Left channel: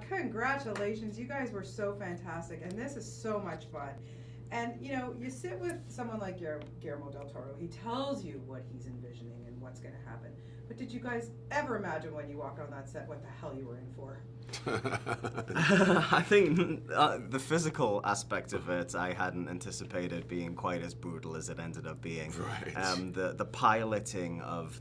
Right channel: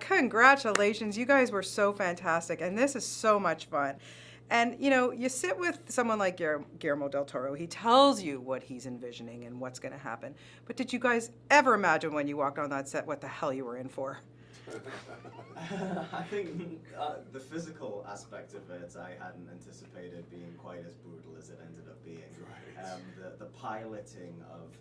Congratulations, you guys were so fantastic, and this is so much fun. And you know, you sit with someone like Guillermo del Toro, he tells you what he's envisioning and what's going to happen. But did you guys ever imagine when you walked on that set what the hell you were in for? I think the physical aspect of it, I hadn't anticipated being quite as brutal as it ended up being. Right. The piloting of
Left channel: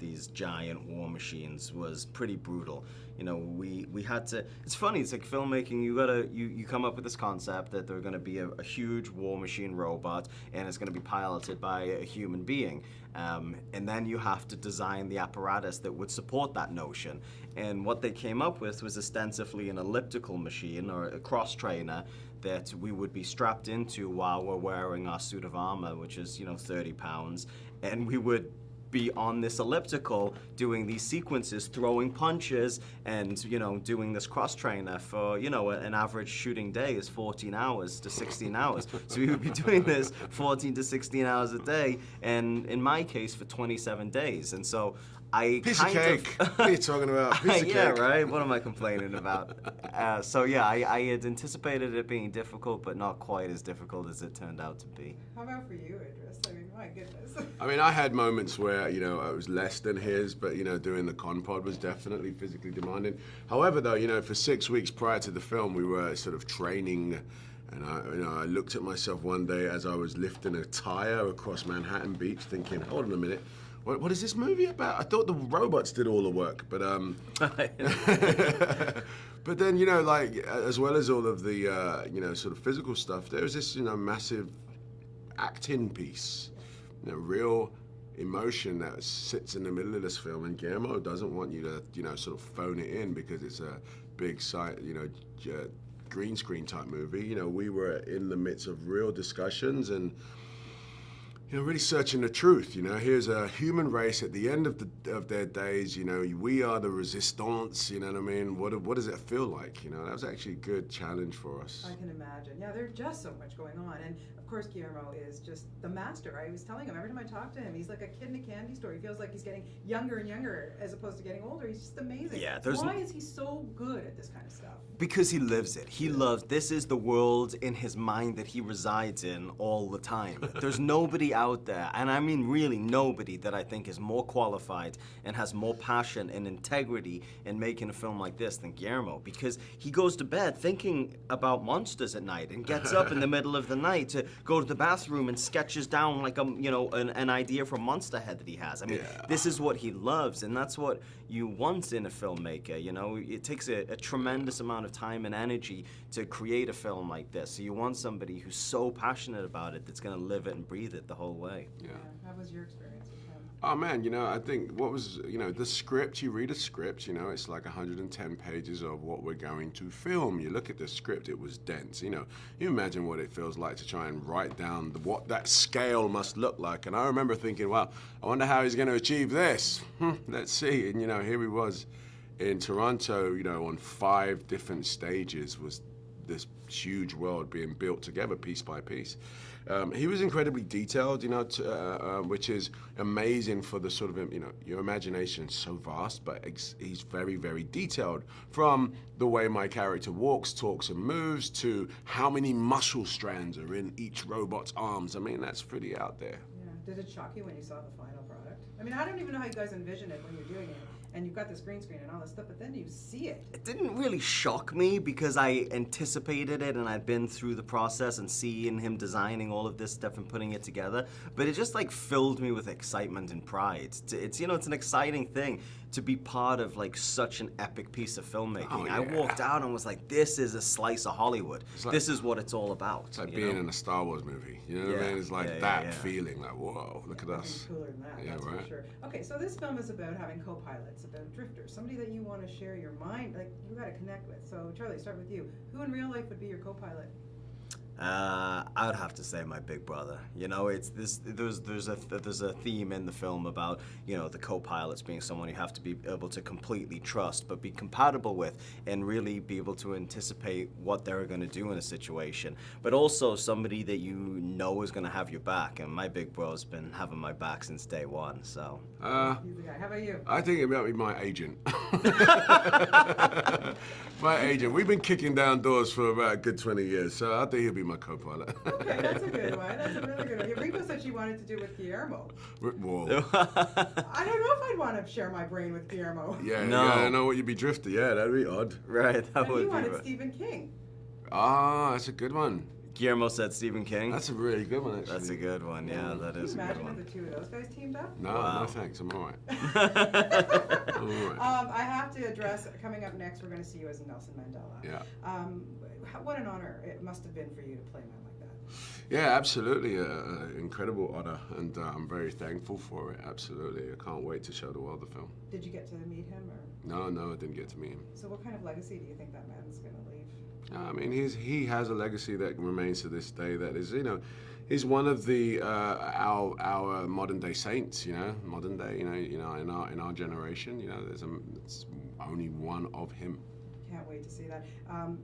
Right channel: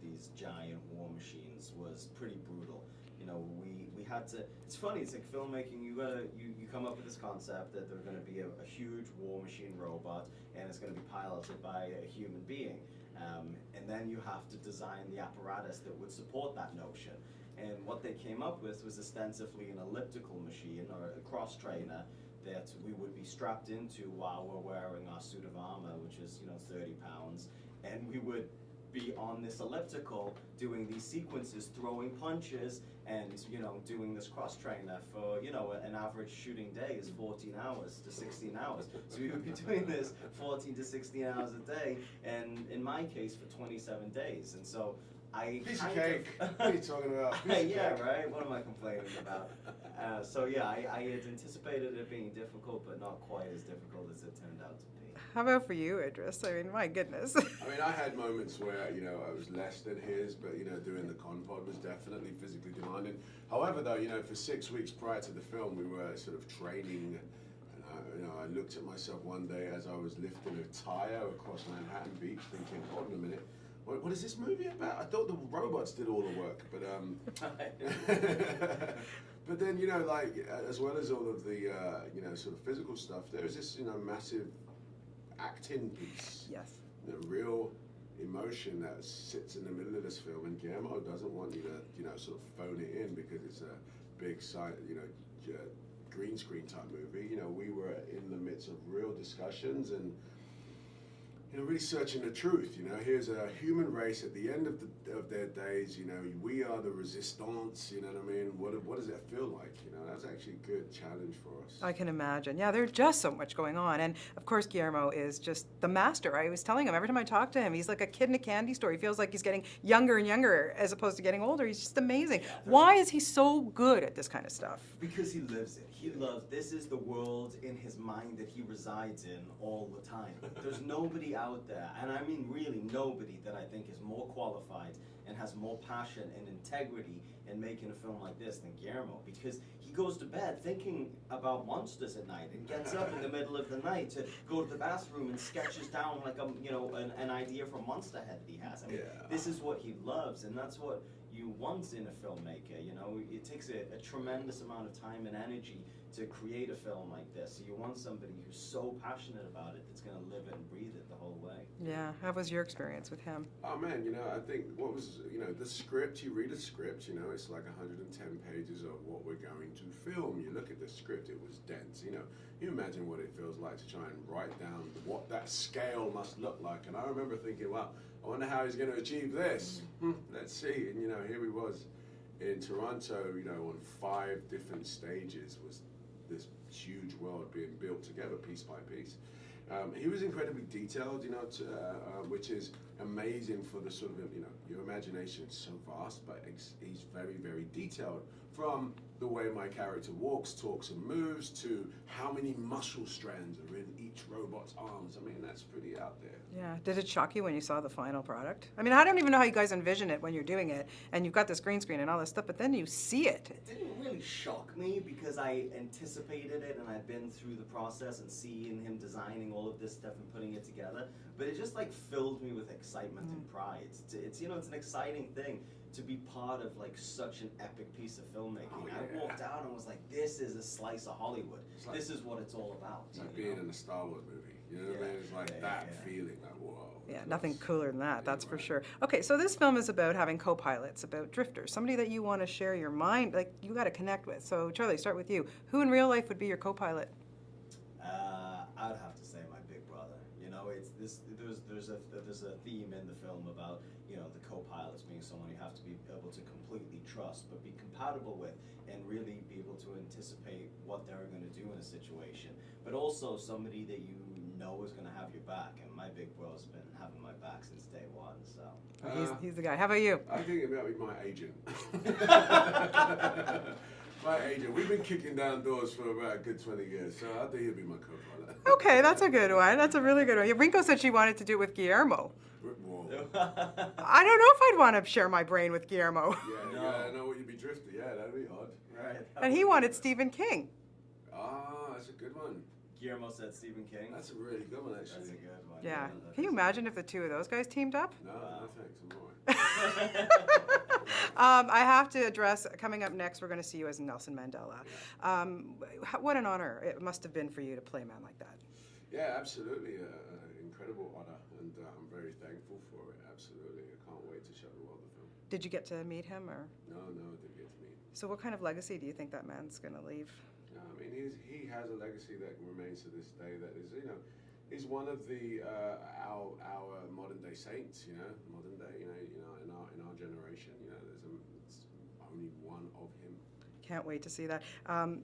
these giant war machines was pretty brutal. You know, we had to. It's funny. It's like filmmaking. You come up with this concept that they're going to be a huge war machine robot, and it's going to be piloted by a human being, and then you have to design the apparatus that would support that notion. And what they came up with was ostensibly an elliptical machine or a cross trainer that we would be strapped into while we're wearing our suit of armor, which is 30 pounds, and we would be on this elliptical doing these sequences, throwing punches, and doing this cross trainer for an average shooting day is 14 hours to 16 hours. So we would be doing this 14 to 16 hours a day, and in my case for 27 days. And so Piece of cake. What are you talking about? Piece of yeah, cake. right? What am I complaining about? So yeah, I had anticipated it being difficult, but not quite as difficult as it turned out to be. How about for you, Idris? I mean, my goodness. I mean, I had moments where, I was less than his, but, doing the con pod was definitely physically demanding. However, though, for 6 weeks prior to the film, we were sort of training. And I looked at myself one day as I was lifting a tire across Manhattan Beach thinking, hold on a minute. What is this movie about? I thought the robots did all the work, but but then as well as all of the sort of physical stuff, there's this massive acting piece, Yes. Real emotion that sits in the middle of this film, and Guillermo doesn't want you to sort of phone it in because it's a big site, green screen type movie. We were in the midst of real discussions and really searching the truth. Here's a human race at the end of their days. We are the resistance. You know what I mean? What does it feel like? That was actually a good challenge for us. I can imagine. Yeah, there's just so much going on. And of course, Guillermo is just the master. I was telling him, every time I talk to him, he's like a kid in a candy store. He feels like he's getting younger and younger as opposed to getting older. He's just amazing. Yeah, why is he so good at this kind of stuff? Because he lives it. He loves, this is the world in his mind that he resides in all the time. There's nobody out there, and I mean really nobody, that I think is more qualified and has more passion and integrity in making a film like this than Guillermo, because he goes to bed thinking about monsters at night and gets up in the middle of the night to go to the bathroom and sketches down like an idea for Monsterhead that he has. I mean, This is what he loves, and that's what you want in a filmmaker. It takes a tremendous amount of time and energy to create a film like this. So you want somebody who's so passionate about it that's going to live it and breathe it the whole way. Yeah, how was your experience with him? Oh man, I think what was, the script, you read a script, it's like 110 pages of what we're going to film. You look at the script, it was dense. You imagine what it feels like to try and write down what that scale must look like. And I remember thinking, wow, I wonder how he's going to achieve this. Let's see. And here he was in Toronto, on 5 different stages, was this huge world being built together piece by piece. He was incredibly detailed, which is amazing for the sort of, your imagination is so vast, but he's very, very detailed, from the way my character walks, talks, and moves, to how many muscle strands are in each robot's arms. I mean, that's pretty out there. Yeah. Did it shock you when you saw the final product? I mean, I don't even know how you guys envision it when you're doing it, and you've got this green screen and all this stuff, but then you see it. It didn't really shock me because I anticipated it and I'd been through the process and seeing him designing all of this stuff and putting it together, but it just filled me with excitement and pride. It's an exciting thing to be part of such an epic piece of filmmaking. Oh, yeah. I walked out and was like, this is a slice of Hollywood. This is what it's all about. It's like being in a Star Wars movie. You know what I mean? It's like feeling, whoa, look at nothing us. cooler than that, that's right. for sure. Okay, so this film is about having co-pilots, about drifters, somebody that you want to share your mind, you got to connect with. So Charlie, start with you. Who in real life would be your co-pilot? I would have to say my big brother. It's this. There's a theme in the film about the co-pilots being someone you have to be able to completely trust, but be compatible with, and really be able to anticipate what they're going to do in a situation. But also somebody that is going to have your back. And my big bro's been having my back since day one. So he's the guy. How about you? I think it might be my agent. My agent. We've been kicking down doors for about a good 20 years, so I think he'll be my co-pilot. Okay, that's a good one. That's a really good one. Ringo said she wanted to do with Guillermo. Whoa. I don't know if I'd want to share my brain with Guillermo. Yeah, No. you gotta know what you'd be drifting. Yeah, that'd be odd. Right. That And would he be wanted right. Stephen King. Ah, that's a good one. Guillermo said Stephen King. That's a really good one, actually. That's a good one. Yeah, that Can you is. imagine if the two of those guys teamed up? No, Wow. no thanks. I'm all right. I'm all right. I have to address, coming up next, we're going to see you as Nelson Mandela. Yeah. What an honor it must have been for you to play a man like that. Yeah, absolutely. Incredible honor, and I'm very thankful for it. Absolutely. I can't wait to show the world the film. Did you get to meet him, or? No, I didn't get to meet him. So what kind of legacy do you think that man's going to leave? I mean, he has a legacy that remains to this day. That is, he's one of the our modern day saints. Modern day. In our generation. It's only one of him. Can't wait to see that.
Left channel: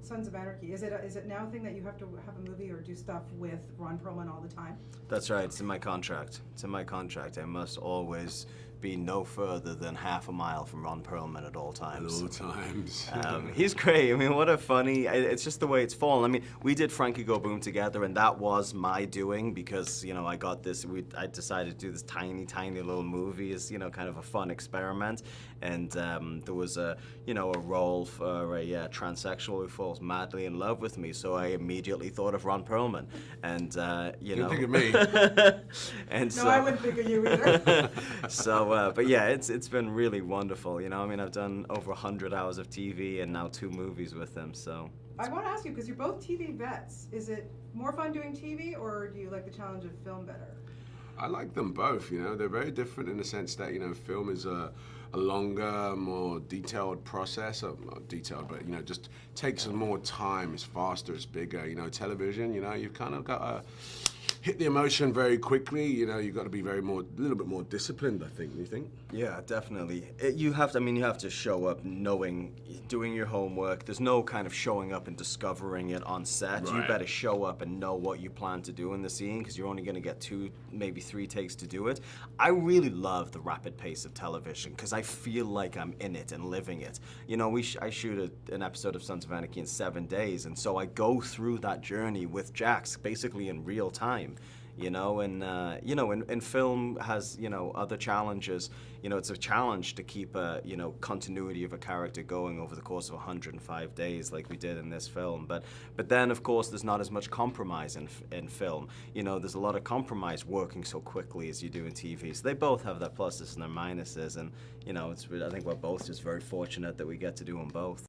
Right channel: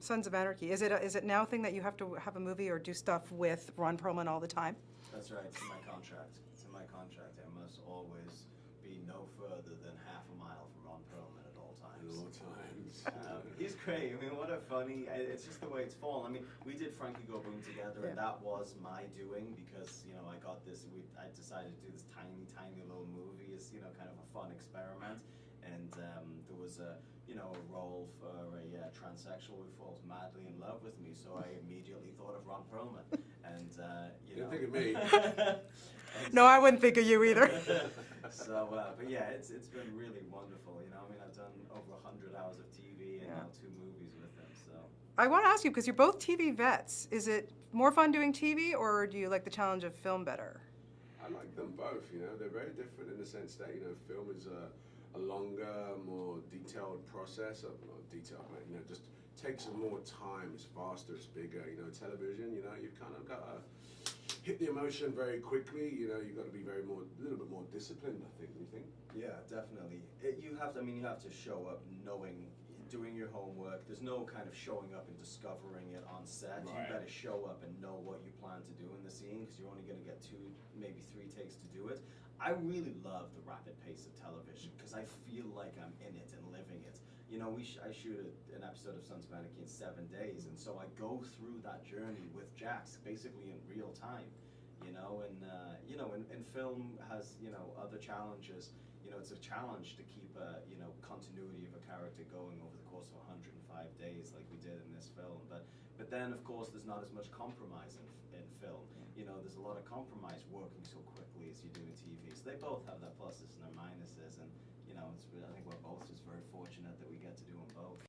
Sons of Anarchy. Is it now a thing that you have to have a movie or do stuff with Ron Perlman all the time? That's right. It's in my contract. I must always be no further than half a mile from Ron Perlman at all times. At all times. He's great. I mean, what a funny. It's just the way it's fallen. I mean, we did Frankie Go Boom together, and that was my doing because I got this. I decided to do this tiny little movie as kind of a fun experiment, and there was a role for a transsexual who falls madly in love with me. So I immediately thought of Ron Perlman, and Didn't think of me. and No, I wouldn't think of you either. but yeah, it's been really wonderful. I mean, I've done over 100 hours of TV and now 2 movies with them. So I want to ask you, because you're both TV vets, is it more fun doing TV, or do you like the challenge of film better? I like them both. They're very different in the sense that film is a longer, more detailed process. Not detailed, but just takes more time. It's faster. It's bigger. Television. You've kind of got to hit the emotion very quickly. You've got to be a little bit more disciplined. I think. Do you think? yeah, definitely. You have to show up knowing, doing your homework. There's no kind of showing up and discovering it on set. You Right. better show up and know what you plan to do in the scene because you're only going to get 2, maybe 3 takes to do it. I really love the rapid pace of television because I feel like I'm in it and living it. I shoot an episode of Sons of Anarchy in 7 days, and so I go through that journey with Jax basically in real time. And film has, other challenges. It's a challenge to keep a, continuity of a character going over the course of 105 days like we did in this film. But then, of course, there's not as much compromise in film. There's a lot of compromise working so quickly as you do in TV. So they both have their pluses and their minuses. And, I think we're both just very fortunate that we get to do them both.